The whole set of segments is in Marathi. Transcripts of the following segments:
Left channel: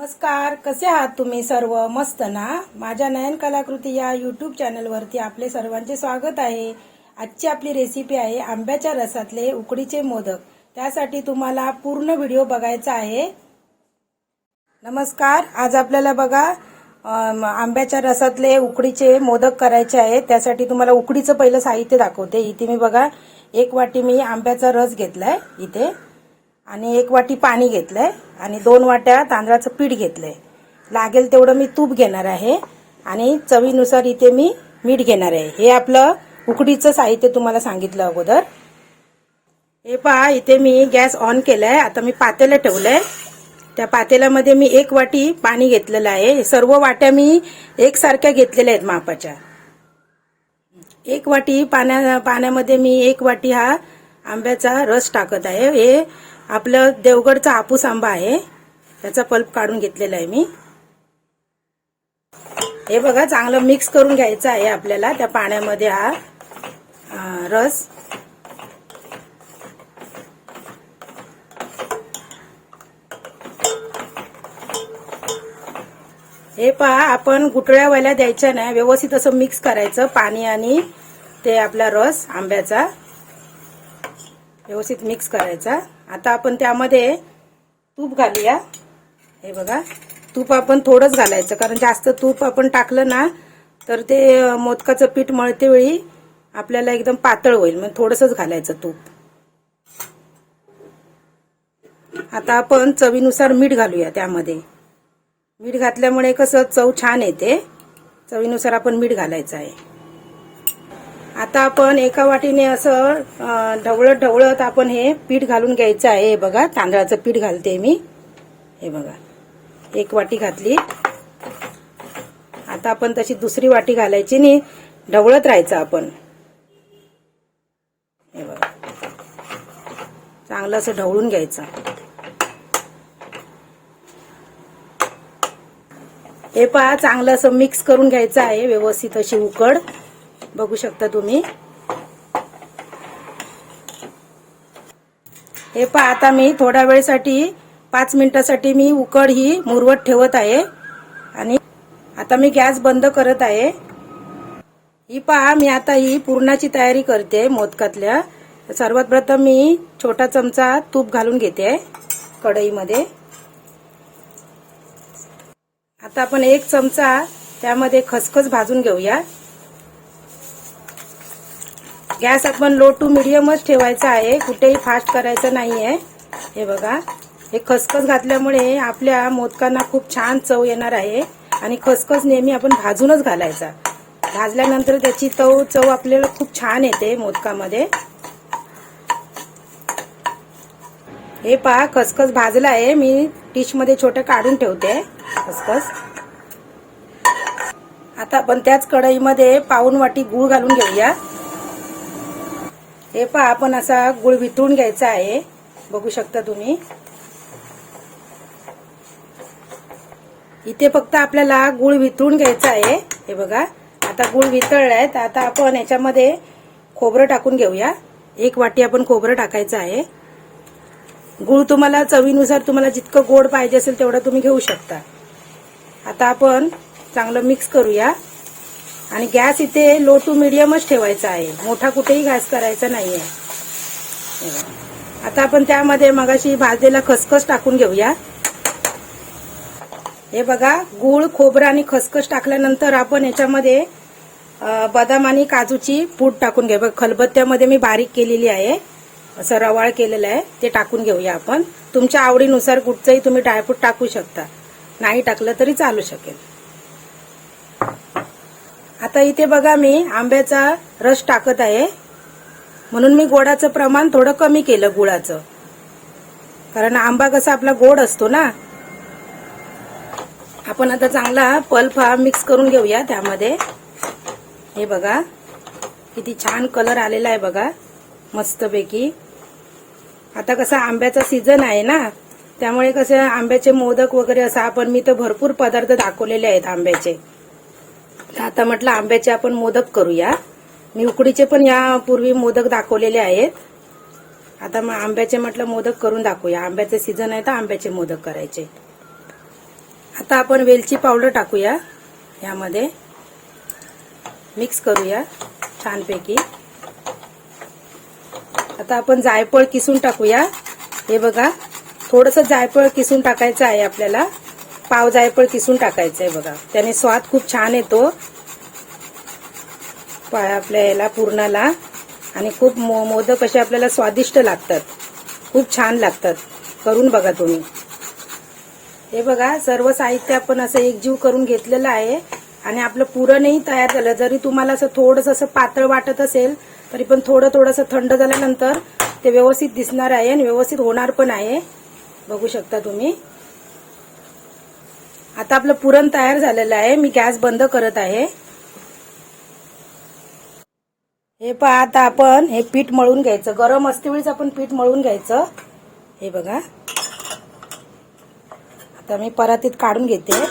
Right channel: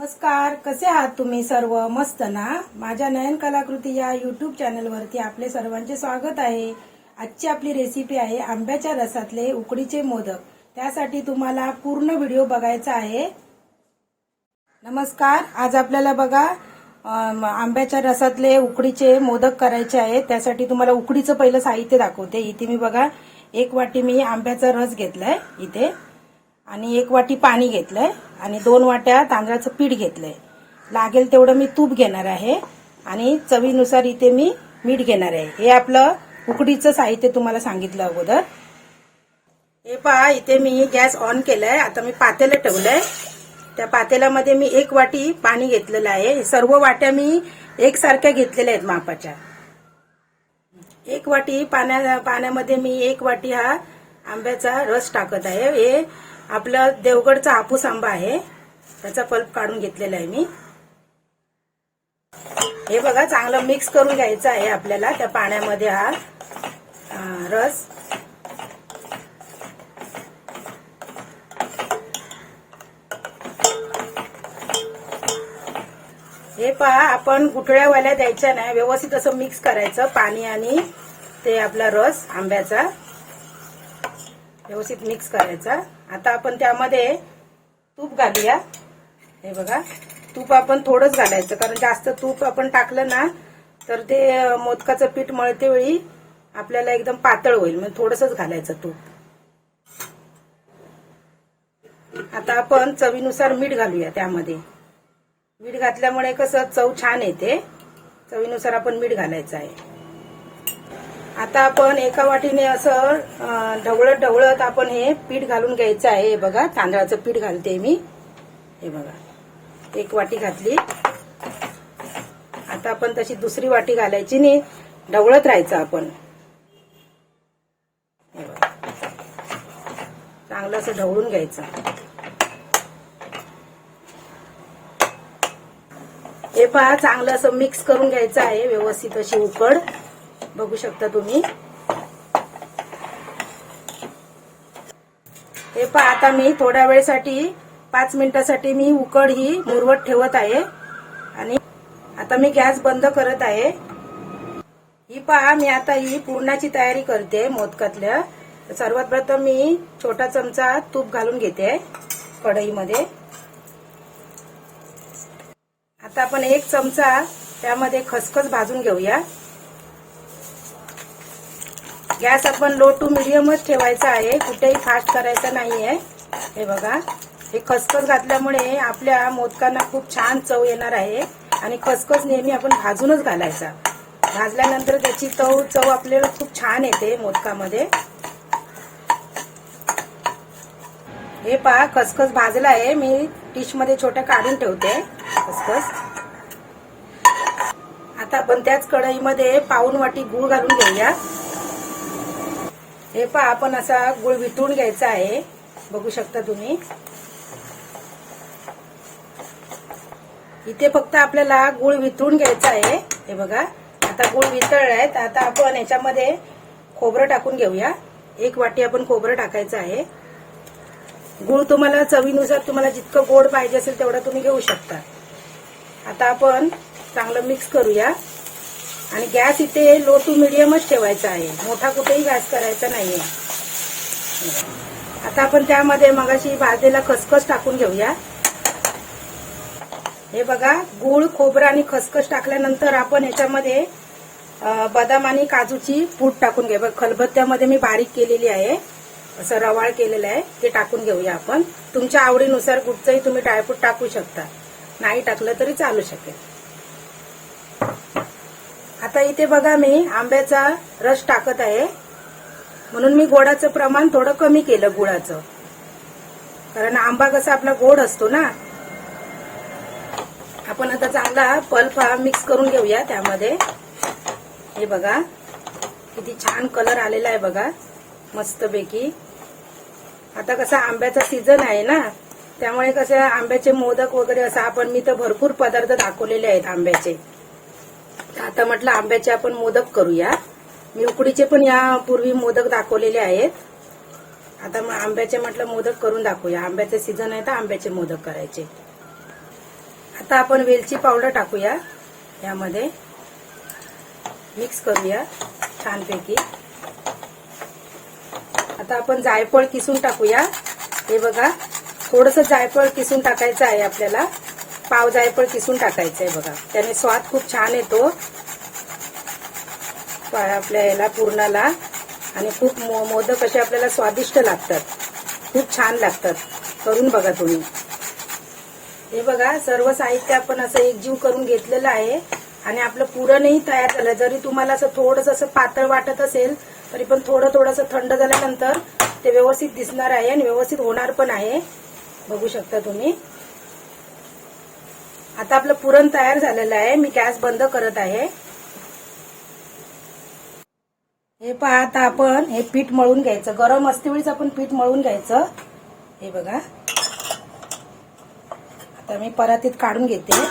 नमस्कार कसे आहात तुम्ही सर्व? मस्त ना? माझ्या नयन कलाकृती या युट्यूब चॅनलवरती आपले सर्वांचे स्वागत आहे. आजची आपली रेसिपी आहे आंब्याच्या रसातले उकडीचे मोदक. त्यासाठी तुम्हाला पूर्ण व्हिडिओ बघायचा आहे. नमस्कार आज आपल्याला बघा आंब्याच्या रसातले उकडीचे मोदक करायचे आहेत त्यासाठी तुम्हाला उकडीचं पहिलं साहित्य दाखवते. इथे मी बघा एक वाटी मी आंब्याचा रस घेतलाय. इथे. आणि एक वाटी पाणी घेतलंय आणि दोन वाट्या तांदळाचं पीठ घेतलंय. लागेल तेवढं मी तूप घेणार आहे आणि चवीनुसार इथे मी मीठ घेणार आहे. हे आपलं उकडीचं साहित्य तुम्हाला सांगितलं अगोदर. हे पहा इथे मी गॅस ऑन केलाय. आता मी पातेलं ठेवलंय. त्या पातेल्यामध्ये मी एक वाटी पाणी घेतलेलं आहे. हे सर्व वाट्या मी एकसारख्या घेतलेल्या आहेत मापाच्या. एक वाटी पाण्या पाण्यामध्ये मी एक वाटी हा आंब्याचा रस टाकत आहे. हे आपलं देवगडचा आपूस आंबा आहे. त्याचा पल्प काढून घेतलेला आहे मी. हे बघा चांगलं मिक्स करून घ्यायचं आहे आपल्याला. त्या पाण्यामध्ये हा रस. हे पहा आपण गुटळ्यावाल्या द्यायच्या नाही. व्यवस्थित असं मिक्स करायचं. पाणी आणि ते आपला रस आंब्याचा. व्यवस्थित मिक्स करायचा. आता आपण त्यामध्ये तूप घालूया. हे बघा तूप आपण थोडंच घालायचं कारण जास्त तूप आपण टाकलं ना तर ते मोदकाचं पीठ मळते वेळी आपल्याला एकदम पातळ होईल मग थोडंसंच घालायचं तूप. आता आपण चवीनुसार मीठ घालूया त्यामध्ये. मीठ घातल्यामुळे कसं चव छान येते. चवीनुसार आपण मीठ घालायचं आहे. आता आपण एका वाटीने असं ढवळत ढवळत आपण हे पीठ घालून घ्यायचं आहे. हे बघा तांदळाचं पीठ घालते मी. हे बघा एक वाटी घातली. आता आपण तशी दुसरी वाटी घालायची नाही. ढवळत राहायचं आपण. हे बघा चांगलं असं ढवळून घ्यायचं. हे पहा चांगलं असं मिक्स करून घ्यायचं आहे. व्यवस्थित अशी उकड. बघू शकता तुम्ही. हे पहा आता मी थोड्या वेळेसाठी पाच मिनिटासाठी मी उकड ही मुरवत ठेवत आहे. आणि आता मी गॅस बंद करत आहे. ही पहा मी आता ही पूर्णाची तयारी करते मोदकातल्या. सर्वात प्रथम मी छोटा चमचा तूप घालून घेते कढईमध्ये. आता आपण एक चमचा त्यामध्ये खसखस भाजून घेऊया. गॅस आपण लो टू मिडियमच ठेवायचा आहे. कुठेही फास्ट करायचं नाही आहे हे बघा. हे खसखस घातल्यामुळे आपल्या मोदकांना खूप छान चव येणार आहे. आणि खसखस नेहमी आपण भाजूनच घालायचा. भाजल्यानंतर त्याची चव चव आपल्याला खूप छान येते मोदकामध्ये. हे पहा खसखस भाजला आहे मी डिशमध्ये छोटं काढून ठेवते. खसखस. आता आपण त्याच कढईमध्ये पाऊन वाटी गूळ घालून घेऊया. हे पहा आपण असा गुळ वितळून घ्यायचा आहे. बघू शकता तुम्ही. इथे फक्त आपल्याला गुळ वितळून घ्यायचा आहे. हे बघा आता गुळ वितळलाय तर आता आपण याच्यामध्ये खोबरं टाकून घेऊया. एक वाटी आपण खोबरं टाकायचं आहे. गुळ तुम्हाला चवीनुसार तुम्हाला जितकं गोड पाहिजे असेल तेवढं तुम्ही घेऊ शकता. आता आपण चांगलं मिक्स करूया. आणि गॅस इथे लो टू मिडियमच ठेवायचा आहे. मोठा कुठेही गॅस करायचा नाहीये. आता आपण त्यामध्ये मगाशी भाजलेला खसखस टाकून घेऊया. हे बघा गूळ खोबरं आणि खसखस टाकल्यानंतर आपण याच्यामध्ये बदाम आणि काजूची पूड टाकून घ्या. बघ खलबत्त्यामध्ये मी बारीक केलेली आहे. असं रवाळ केलेलं आहे. ते टाकून घेऊया आपण. तुमच्या आवडीनुसार कुठचंही तुम्ही ड्रायफ्रूट टाकू शकता. नाही टाकलं तरी चालू शकेल. आता इथे बघा मी आंब्याचा रस टाकत आहे. म्हणून मी गोडाचं प्रमाण थोडं कमी केलं गुळाचं. कारण आंबा कसा आपला गोड असतो ना. आपण आता चांगला पल्प हा मिक्स करून घेऊया त्यामध्ये. हे बघा. किती छान कलर आलेला आहे बघा. मस्तपैकी. आता कसं आंब्याचा सीझन आहे ना. त्यामुळे कसे आंब्याचे मोदक वगैरे असं आपण मी तर भरपूर पदार्थ दाखवलेले आहेत आंब्याचे. आता म्हटलं आंब्याचे आपण मोदक करूया. मी उकडीचे पण यापूर्वी मोदक दाखवलेले आहेत. आता मग आंब्याचे म्हटलं मोदक करून दाखवूया. आंब्याचे सीझन आहे तर आंब्याचे मोदक करायचे. आता आपण वेलची पावडर टाकूया. यामध्ये मिक्स करूया छानपैकी. आता आपण जायफळ किसून टाकूया. हे बघा थोडस जायफळ किसून टाकायचं आहे आपल्याला. पाव जायफळ किसून टाकायचं आहे बघा. त्याने स्वाद खूप छान येतो. आपल्या याला पूर्णाला. आणि खूप मो- मोदक असे आपल्याला स्वादिष्ट लागतात. खूप छान लागतात. करून बघा तुम्ही. हे बघा सर्व साहित्य आपण असं एकजीव करून घेतलेलं आहे. आणि आपलं पुरणही तयार झालं. जरी तुम्हाला असं थोडंसं असं पातळ वाटत असेल तरी पण थोडं थोडंसं थंड झाल्यानंतर ते व्यवस्थित दिसणार आहे आणि व्यवस्थित होणार पण आहे. बघू शकता तुम्ही. आता आपलं पुरण तयार झालेलं आहे. मी गॅस बंद करत आहे. हे पहा आता आपण हे पीठ मळून घ्यायचं. गरम असते वेळीच आपण पीठ मळून घ्यायचं. हे बघा. आता मी परातीत काढून घेते.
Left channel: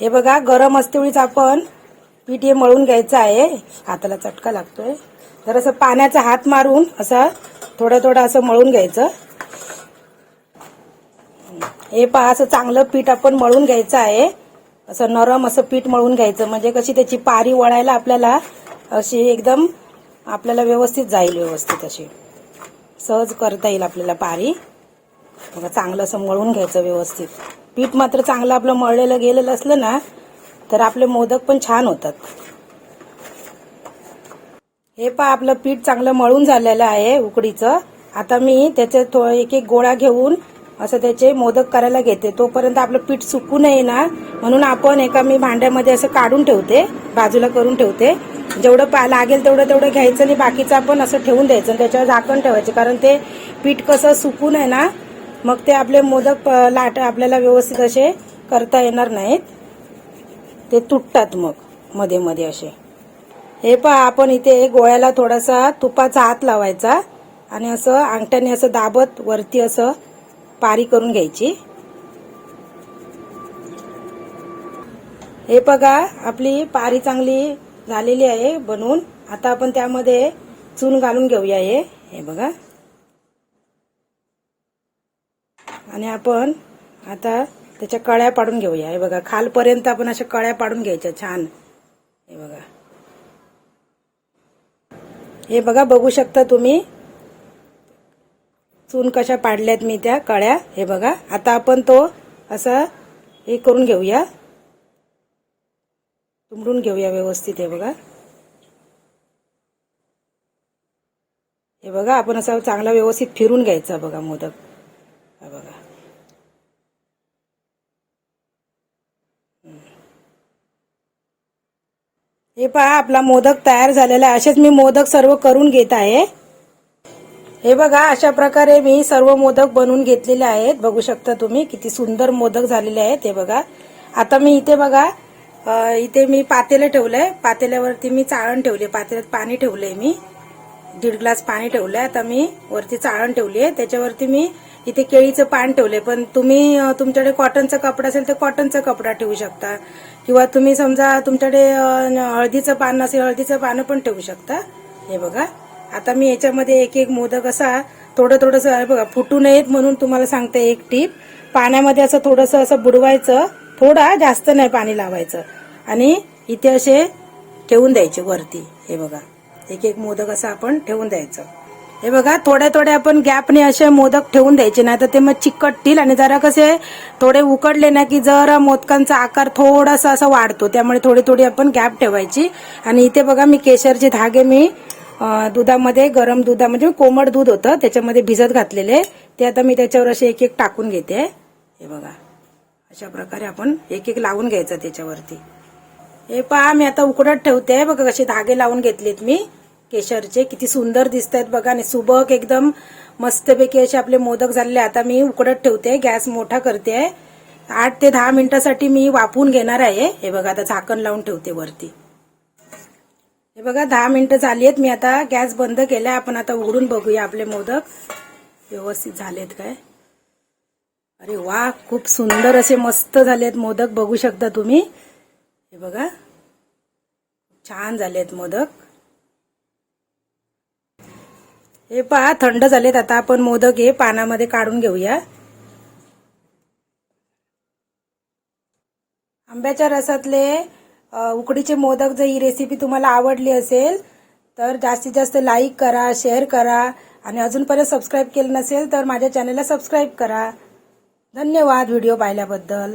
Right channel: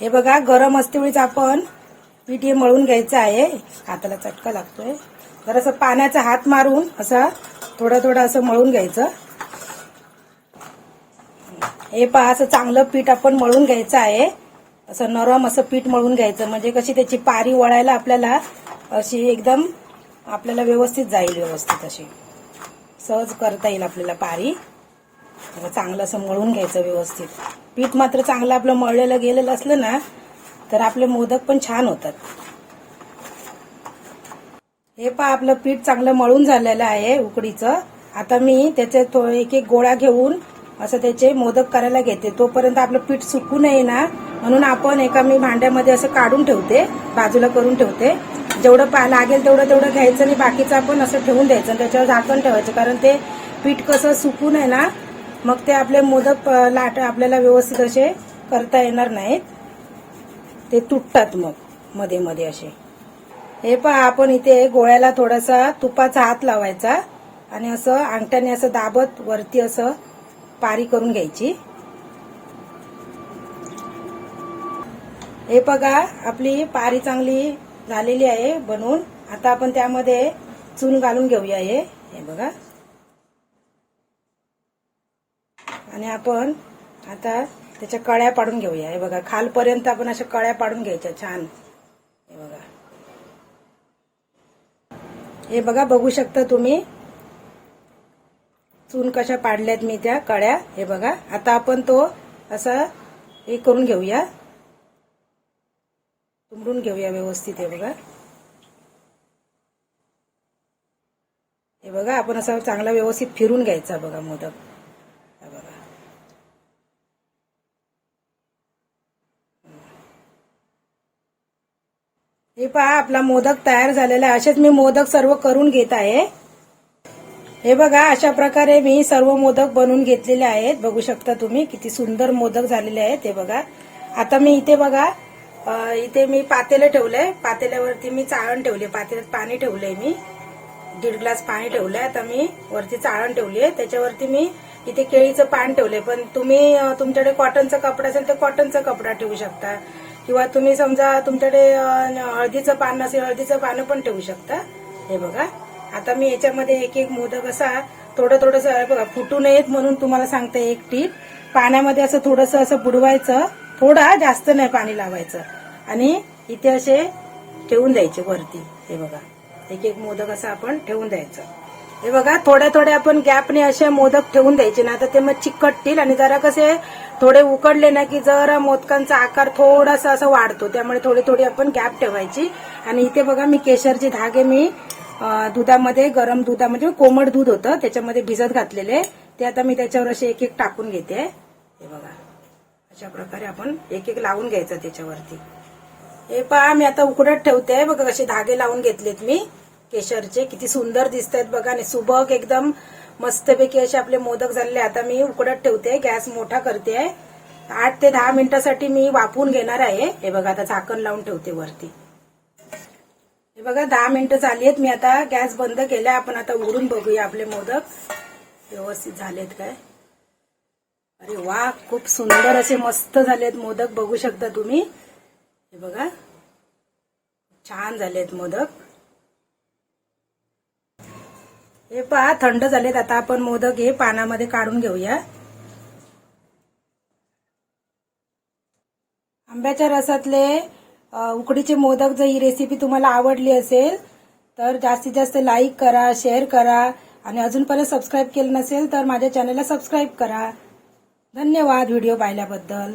हे बघा गरम असते वेळीच आपण पीठ हे मळून घ्यायचं आहे. हाताला चटका लागतोय. जरासं पाण्याचा हात मारून असं थोडं थोडं असं मळून घ्यायचं. हे पहा असं चांगलं पीठ आपण मळून घ्यायचं आहे. असं नरम असं पीठ मळून घ्यायचं. म्हणजे कशी त्याची पारी वळायला आपल्याला अशी एकदम आपल्याला व्यवस्थित जाईल व्यवस्थित अशी. सहज करता येईल आपल्याला पारी. चांगलं असं मळून घ्यायचं व्यवस्थित. पीठ मात्र चांगलं आपलं मळलेलं गेलेलं असलं ना तर आपले मोदक पण छान होतात. हे पहा आपलं पीठ चांगलं मळून झालेलं आहे उकडीचं. आता मी त्याचे तो एक एक गोळा घेऊन असं त्याचे मोदक करायला घेते. तोपर्यंत आपलं पीठ सुकू नये ना म्हणून आपण एका मी भांड्यामध्ये असं काढून ठेवते. बाजूला करून ठेवते. जेवढं पा लागेल तेवढं तेवढं घ्यायचं आणि बाकीचं आपण असं ठेवून द्यायचं. आणि त्याच्यावर झाकण ठेवायचं. कारण ते पीठ कसं सुकू नये ना मग ते आपले मोदक लाट आपल्याला व्यवस्थित असे करता येणार नाहीत. ते तुटतात मग मध्ये मध्ये असे. हे पहा आपण इथे गोळ्याला थोडासा तुपाचा हात लावायचा. आणि असं अंगठ्याने असं दाबत वरती असं पारी करून घ्यायची. हे बघा आपली पारी चांगली झालेली आहे बनवून. आता आपण त्यामध्ये चून घालून घेऊया हे. हे बघा. आणि आपण आता त्याच्या कळ्या पाडून घेऊया. हे बघा खालपर्यंत आपण अशा कळ्या पाडून घ्यायच्या छान. हे बघा. हे बघा बघू शकता तुम्ही. चून कशा पाडल्यात मी त्या कळ्या हे बघा. आता आपण तो असा हे करून घेऊया. तुंबडून घेऊया व्यवस्थित हे बघा. हे बघा आपण असं चांगला व्यवस्थित फिरून घ्यायचा बघा मोदक. हा बघा. हे पहा आपला मोदक तयार झालेला आहे. असेच मी मोदक सर्व करून घेत आहे. हे बघा अशा प्रकारे मी सर्व मोदक बनवून घेतलेले आहेत. बघू शकता तुम्ही किती सुंदर मोदक झालेले आहेत हे बघा. आता मी इथे बघा इथे मी पातेलं ठेवलंय. पातेल्यावरती मी चाळण ठेवली पातेल्यात पाणी ठेवलंय मी. दीड ग्लास पाणी ठेवलंय. आता मी वरती चाळण ठेवली आहे. त्याच्यावरती मी इथे केळीचं पान ठेवलंय. पण तुम्ही तुमच्याकडे कॉटनचा कपडा असेल तर कॉटनचा कपडा ठेवू शकता. किंवा तुम्ही समजा तुमच्याकडे हळदीचं पान असेल हळदीचं पानं पण ठेवू शकता. हे बघा. आता मी याच्यामध्ये एक एक मोदक असा थोडं थोडंसं बघा फुटू नयेत म्हणून तुम्हाला सांगते एक टीप. पाण्यामध्ये असं थोडंसं असं बुडवायचं. थोडा जास्त नाही पाणी लावायचं. आणि इथे असे ठेवून द्यायचे वरती. हे बघा. एक एक मोदक असं आपण ठेवून द्यायचं. हे बघा थोड्या थोड्या आपण गॅपने असे मोदक ठेवून द्यायचे. ना तर ते मग चिकटतील आणि जरा कसे थोडे उकडले ना की जरा मोदकांचा आकार थोडासा असा वाढतो. त्यामुळे थोडी थोडी आपण गॅप ठेवायची. आणि इथे बघा मी केशरचे धागे मी दुधामध्ये गरम दुधामध्ये म्हणजे कोमट दूध होतं त्याच्यामध्ये भिजत घातलेले. ते आता मी त्याच्यावर असे एक एक टाकून घेते. हे बघा. अशा प्रकारे आपण एक एक लावून घ्यायचं त्याच्यावरती. हे पहा मी आता उकडत ठेवते. बघा कसे धागे लावून घेतलेत मी. केशरचे किती सुंदर दिसत आहेत बघा. आणि सुबक एकदम मस्तपैकी असे आपले मोदक झालेले. आता मी उकडत ठेवते. गॅस मोठा करते. आठ ते दहा मिनिटासाठी मी वाफवून घेणार आहे. हे बघा आता झाकण लावून ठेवते वरती. हे बघा दहा मिनिटं झाली आहेत मी आता गॅस बंद केलाय. आपण आता उघडून बघूया आपले मोदक. व्यवस्थित झालेत काय? अरे वा खूप सुंदर असे मस्त झालेत मोदक. बघू शकता तुम्ही. हे बघा छान झालेत मोदक. हे पहा थंड झालेत. आता आपण मोदक हे पानामध्ये काढून घेऊया. आंब्याच्या रसातले उकडीचे मोदक जर ही रेसिपी तुम्हाला आवडली असेल तर जास्तीत जास्त लाईक करा शेअर करा आणि अजूनपर्यंत सबस्क्राईब केलं नसेल तर माझ्या चॅनलला सबस्क्राईब करा. धन्यवाद व्हिडिओ पाहिल्याबद्दल.